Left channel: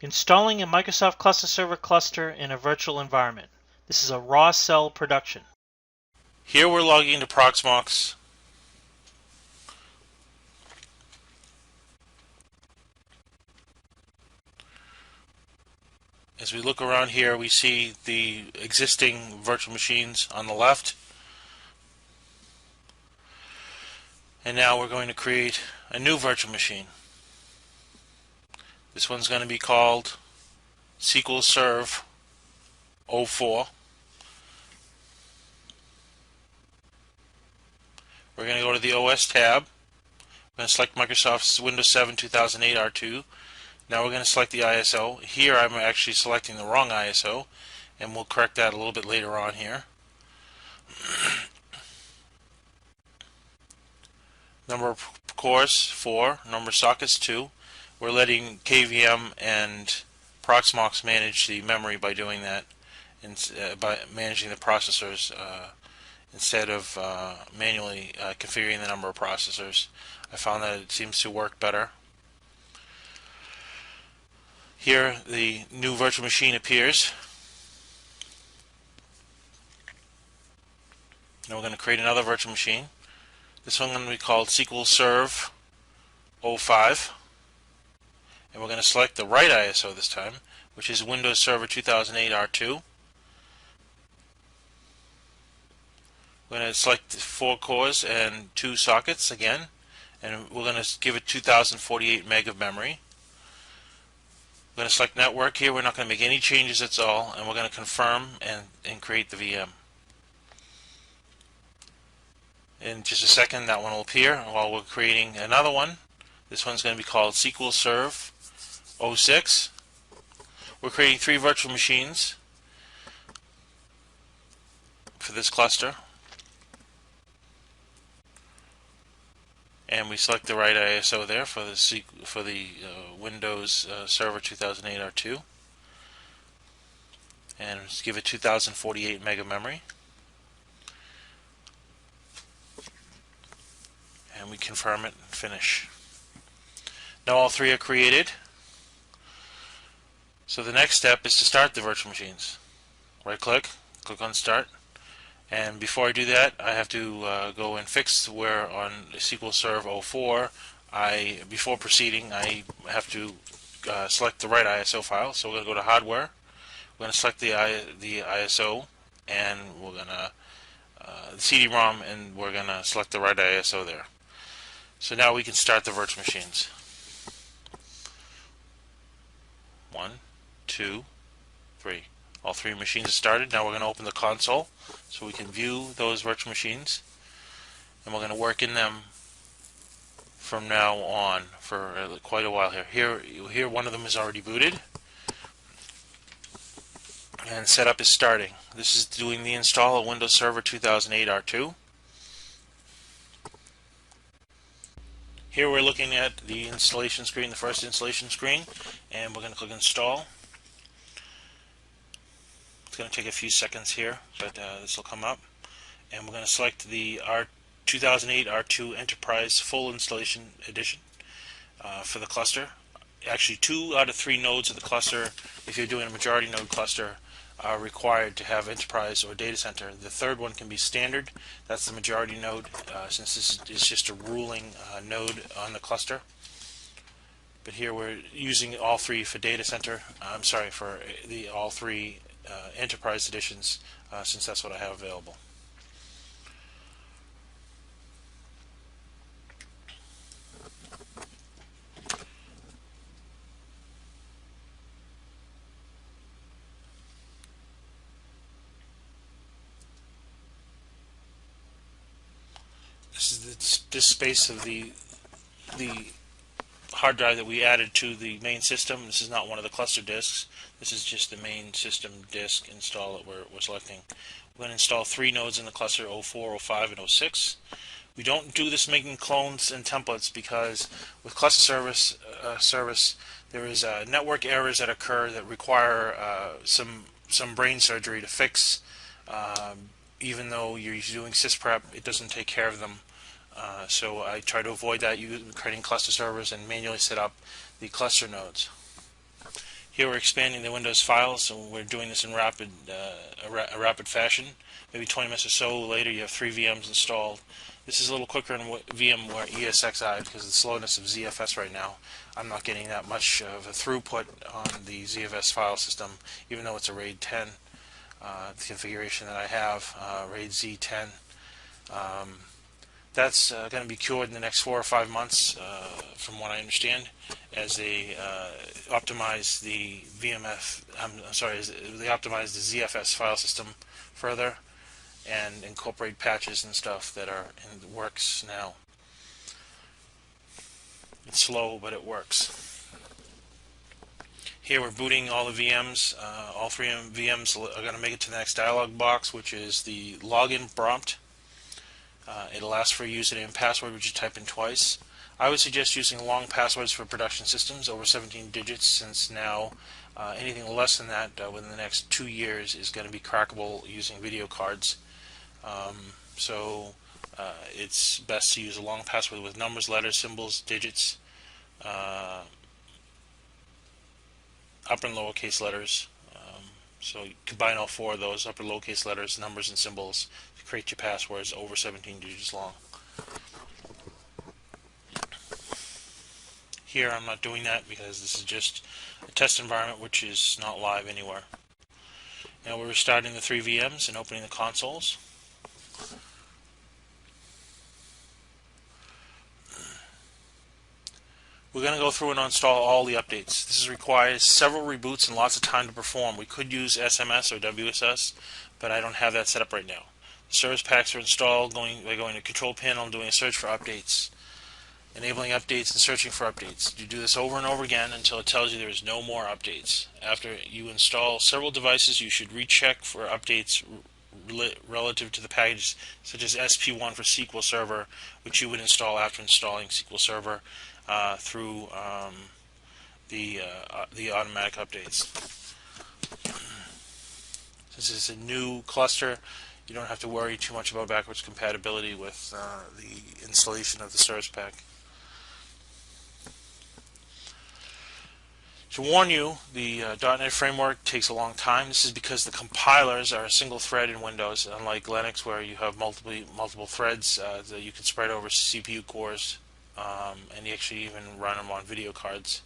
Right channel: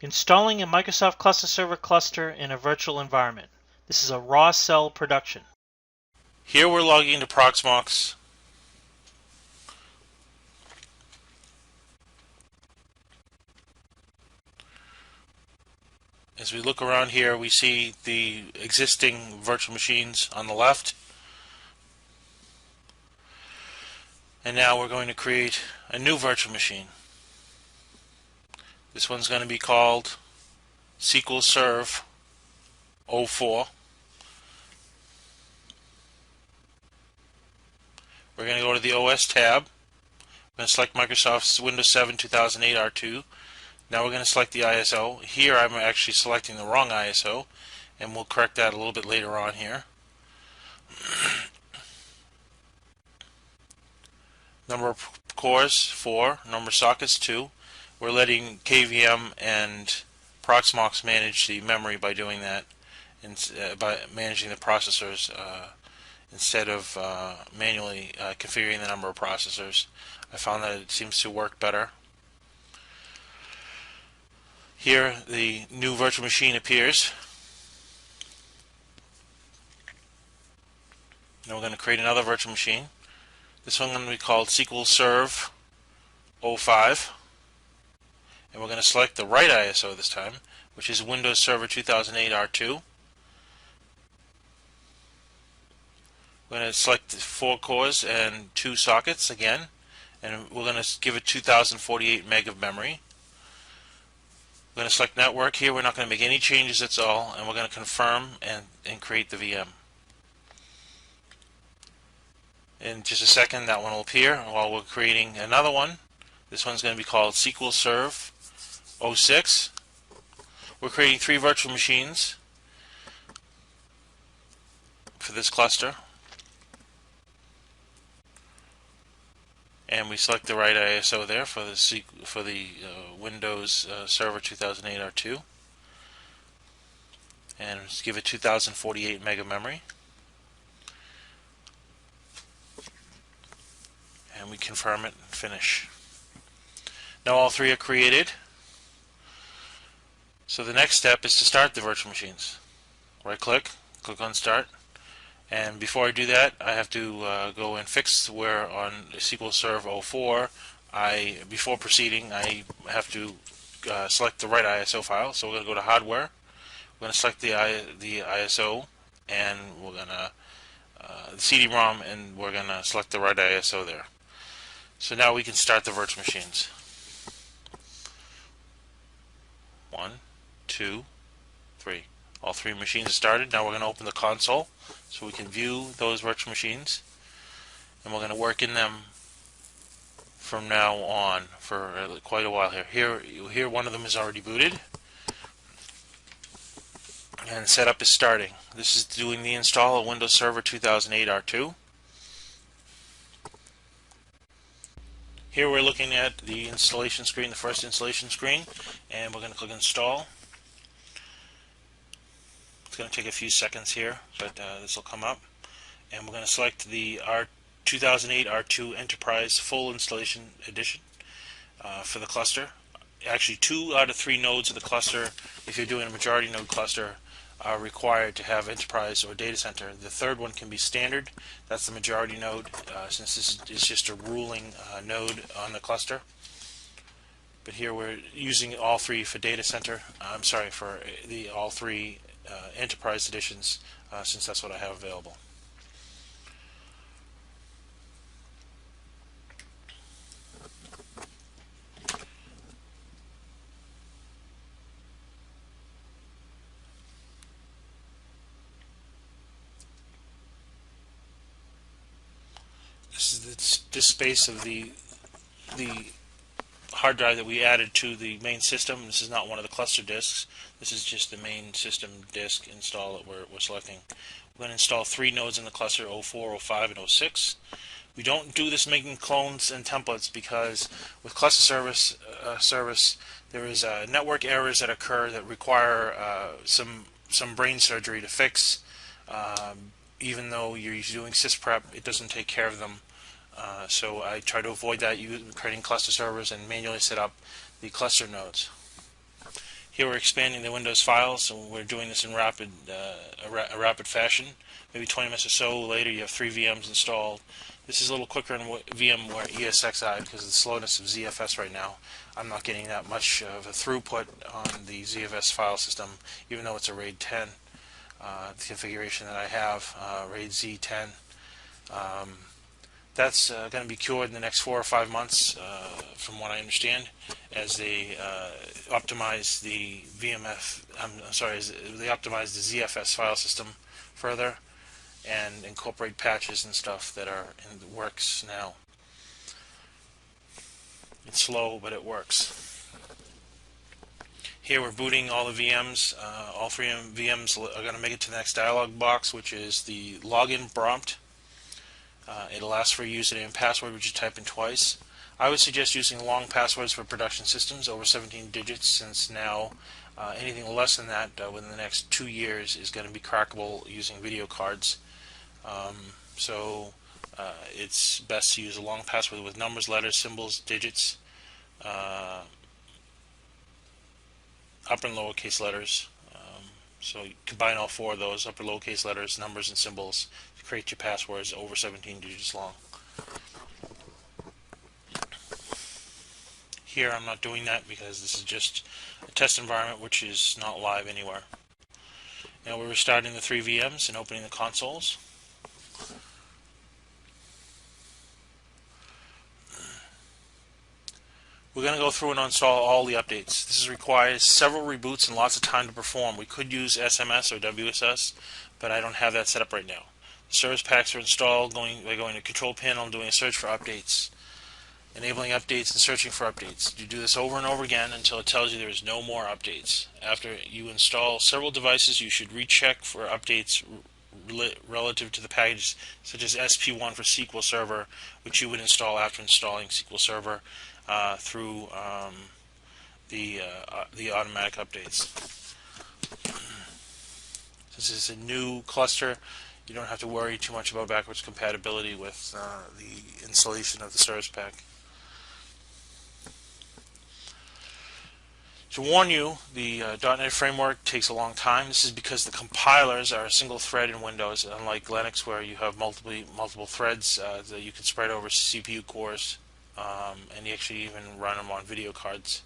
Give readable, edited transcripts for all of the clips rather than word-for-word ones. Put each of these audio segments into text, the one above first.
Installing a Microsoft Cluster Server cluster in a virtual environment. This is a raw cell production. Here we're logging into Proxmox. As we look around here, we see the existing virtual machines on the left. And now we're going to create a new virtual machine. This one's going to be called SQL Serve 04. We're going to go to the OS tab and select Microsoft's Windows 7 2008 R2. Now we're going to select the ISO. Here I'm actually selecting the wrong ISO, and we'll correct that a little bit later on here. Number of cores 4, number of sockets 2. We're letting KVM and Proxmox manage the memory by doing that, and by managing the processors instead of manually configuring the number of processors. I found that it seems to work better. Here the new virtual machine appears. Now we're going to create another virtual machine. This one is going to be called SQL Serve 05. And we're going to select the right ISO this time, which is Windows Server 2008 R2. We're going to select 4 cores and 2 sockets again, and we're going to give it 2048 meg of memory. We're going to select network here. We're not going to make any changes at all, and we're going to confirm and create the VM. In just a second, that one will appear while we're creating another one. This one's going to be called SQL Serve 06. We're creating 3 virtual machines for this cluster. And we select the right ISO there for the Windows Server 2008 R2, and just give it 2048 meg of memory, and we confirm it and finish. Now all 3 are created. So the next step is to start the virtual machines. Right click on Start. And before I do that, I have to go and fix where on SQL Serve 04, before proceeding, I have to select the right ISO file. So we're going to go to Hardware. We're going to select the ISO, and we're going to CD-ROM, and we're going to select the right ISO there. So now we can start the virtual machines. 1, 2, 3. All 3 machines are started. Now we're going to open the console so we can view those virtual machines, and we're going to work in them from now on for quite a while here. Here one of them is already booted, and setup is starting. This is doing the install of Windows Server 2008 R2. Here we're looking at the installation screen, the first installation screen, and we're going to click Install. It's going to take a few seconds here, but this will come up. And we're going to select the 2008 R2 Enterprise Full Installation Edition for the cluster. Actually, 2 out of 3 nodes of the cluster, if you're doing a majority node cluster, are required to have Enterprise or Data Center. The third one can be Standard. That's the majority node, since this is just a ruling node on the cluster. But here we're using all 3 for Data Center. For all 3 Enterprise editions, since that's what I have available. This is the disk space of the hard drive that we added to the main system. This is not one of the cluster disks. This is just the main system disk install that we're selecting. We're going to install 3 nodes in the cluster, 04, 05, and 06. We don't do this making clones and templates because with cluster service there is network errors that occur that require some brain surgery to fix. Even though you're doing sysprep, it doesn't take care of them. So I try to avoid that, creating cluster servers and manually set up the cluster nodes. Here we're expanding the Windows files, so we're doing this in a rapid fashion. Maybe 20 minutes or so later, you have 3 VMs installed. This is a little quicker than VMware ESXi because of the slowness of ZFS right now. I'm not getting that much of a throughput on the ZFS file system, even though it's a RAID 10 configuration that I have, RAID Z10. That's going to be cured in the next 4 or 5 months, from what I understand, as they optimize the they optimize the ZFS file system further and incorporate patches and stuff that are in the works now. It's slow, but it works. Here we're booting all the VMs. All 3 VMs are going to make it to the next dialog box, which is the login prompt. It'll ask for a username and password, which you type in twice. I would suggest using long passwords for production systems over 17 digits, since now anything less than that within the next 2 years is going to be crackable using video cards. It's best to use a long password with numbers, letters, symbols, digits, upper and lowercase letters. So you combine all 4 of those, upper, lowercase letters, numbers, and symbols, to create your passwords over 17 digits long. Here I'm not doing that because this is just a test environment which is not live anywhere. Now we're restarting the 3 VMs and opening the consoles. We're going to go through and install all the updates. This requires several reboots and lots of time to perform. We could use SMS or WSS, but I don't have that set up right now. The service packs are installed by going to Control Panel and doing a search for updates. Enabling updates and searching for updates. You do this over and over again until it tells you there is no more updates. After you install several devices, you should recheck for updates relative to the packages, such as SP1 for SQL Server, which you would install after installing SQL Server through the automatic updates. Since it's a new cluster, you don't have to worry too much about backwards compatibility with the installation of the service pack. To warn you, the .NET framework takes a long time. This is because the compilers are a single thread in Windows, unlike Linux, where you have multiple threads that you can spread over CPU cores, and you actually even run them on video cards.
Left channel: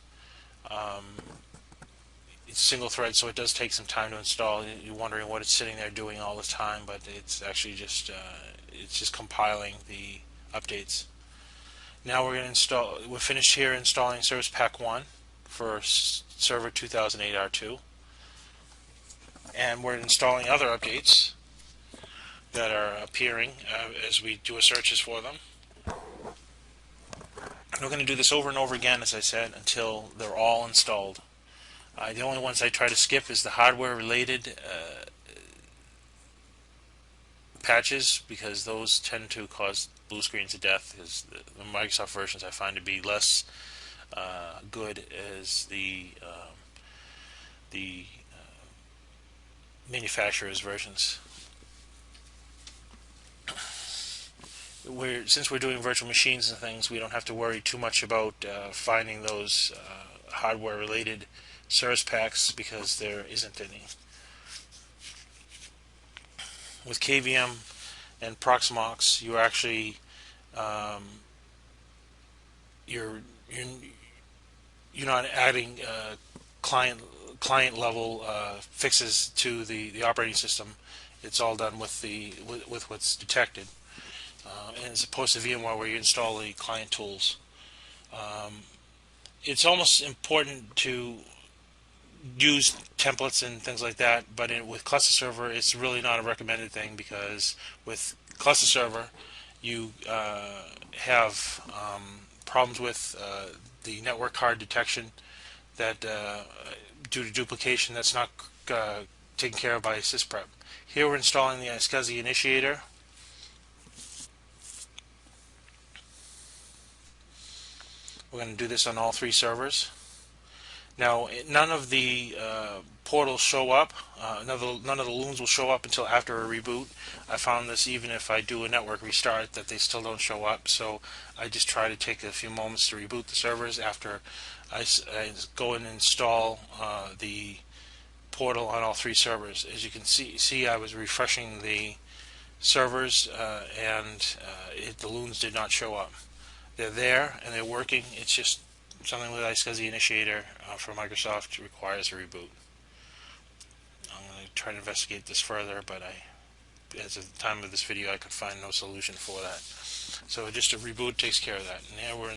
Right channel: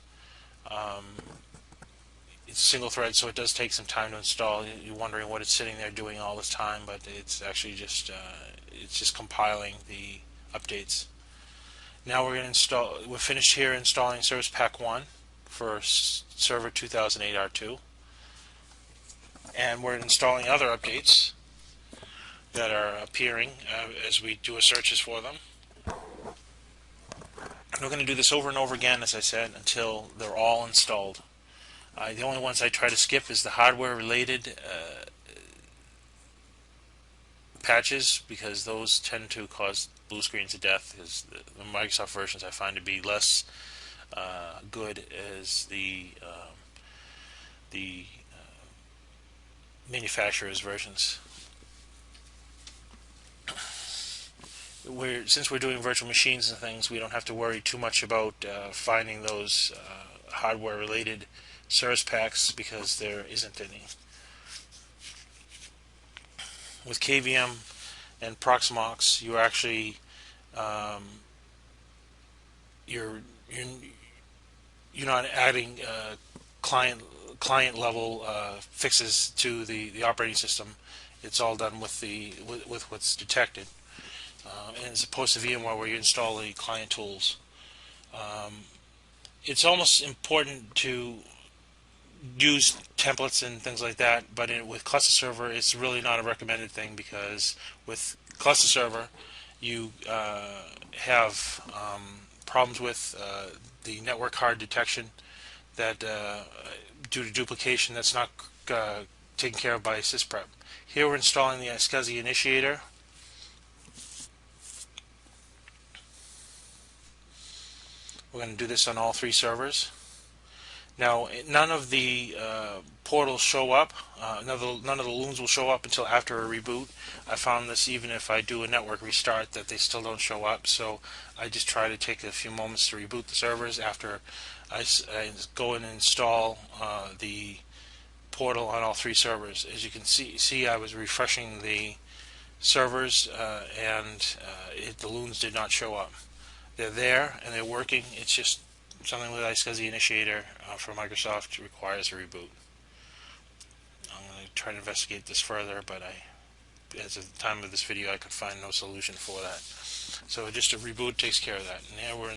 It's a single thread, so it does take some time to install. You're wondering what it's sitting there doing all this time, but it's actually just compiling the updates. Now we're finished here installing Service Pack 1 for Server 2008 R2, and we're installing other updates that are appearing as we do our searches for them. And we're going to do this over and over again, as I said, until they're all installed. The only ones I try to skip is the hardware-related patches, because those tend to cause blue screens of death, because the Microsoft versions I find to be less good as the manufacturer's versions. Since we're doing virtual machines and things, we don't have to worry too much about finding those hardware-related service packs, because there isn't any. With KVM and Proxmox, you actually you're not adding client level fixes to the operating system. It's all done with what's detected. And as opposed to VMware, where you install the client tools, it's almost important to use templates and things like that, but with cluster server, it's really not a recommended thing, because with cluster server, you have problems with the network card detection that due to duplication that's not taken care of by sysprep. Here we're installing the iSCSI initiator. We're going to do this on all 3 servers. Now, none of the portals show up. None of the loons will show up until after a reboot. I found this even if I do a network restart, that they still don't show up. So I just try to take a few moments to reboot the servers after I go and install the portal on all three servers. As you can see I was refreshing the servers and the loons did not show up. They're there and they're working. It's just something with iSCSI Initiator for Microsoft requires a reboot. I'm going to try to investigate this further, but as of the time of this video, I could find no solution for that. So just a reboot takes care of that. Now we're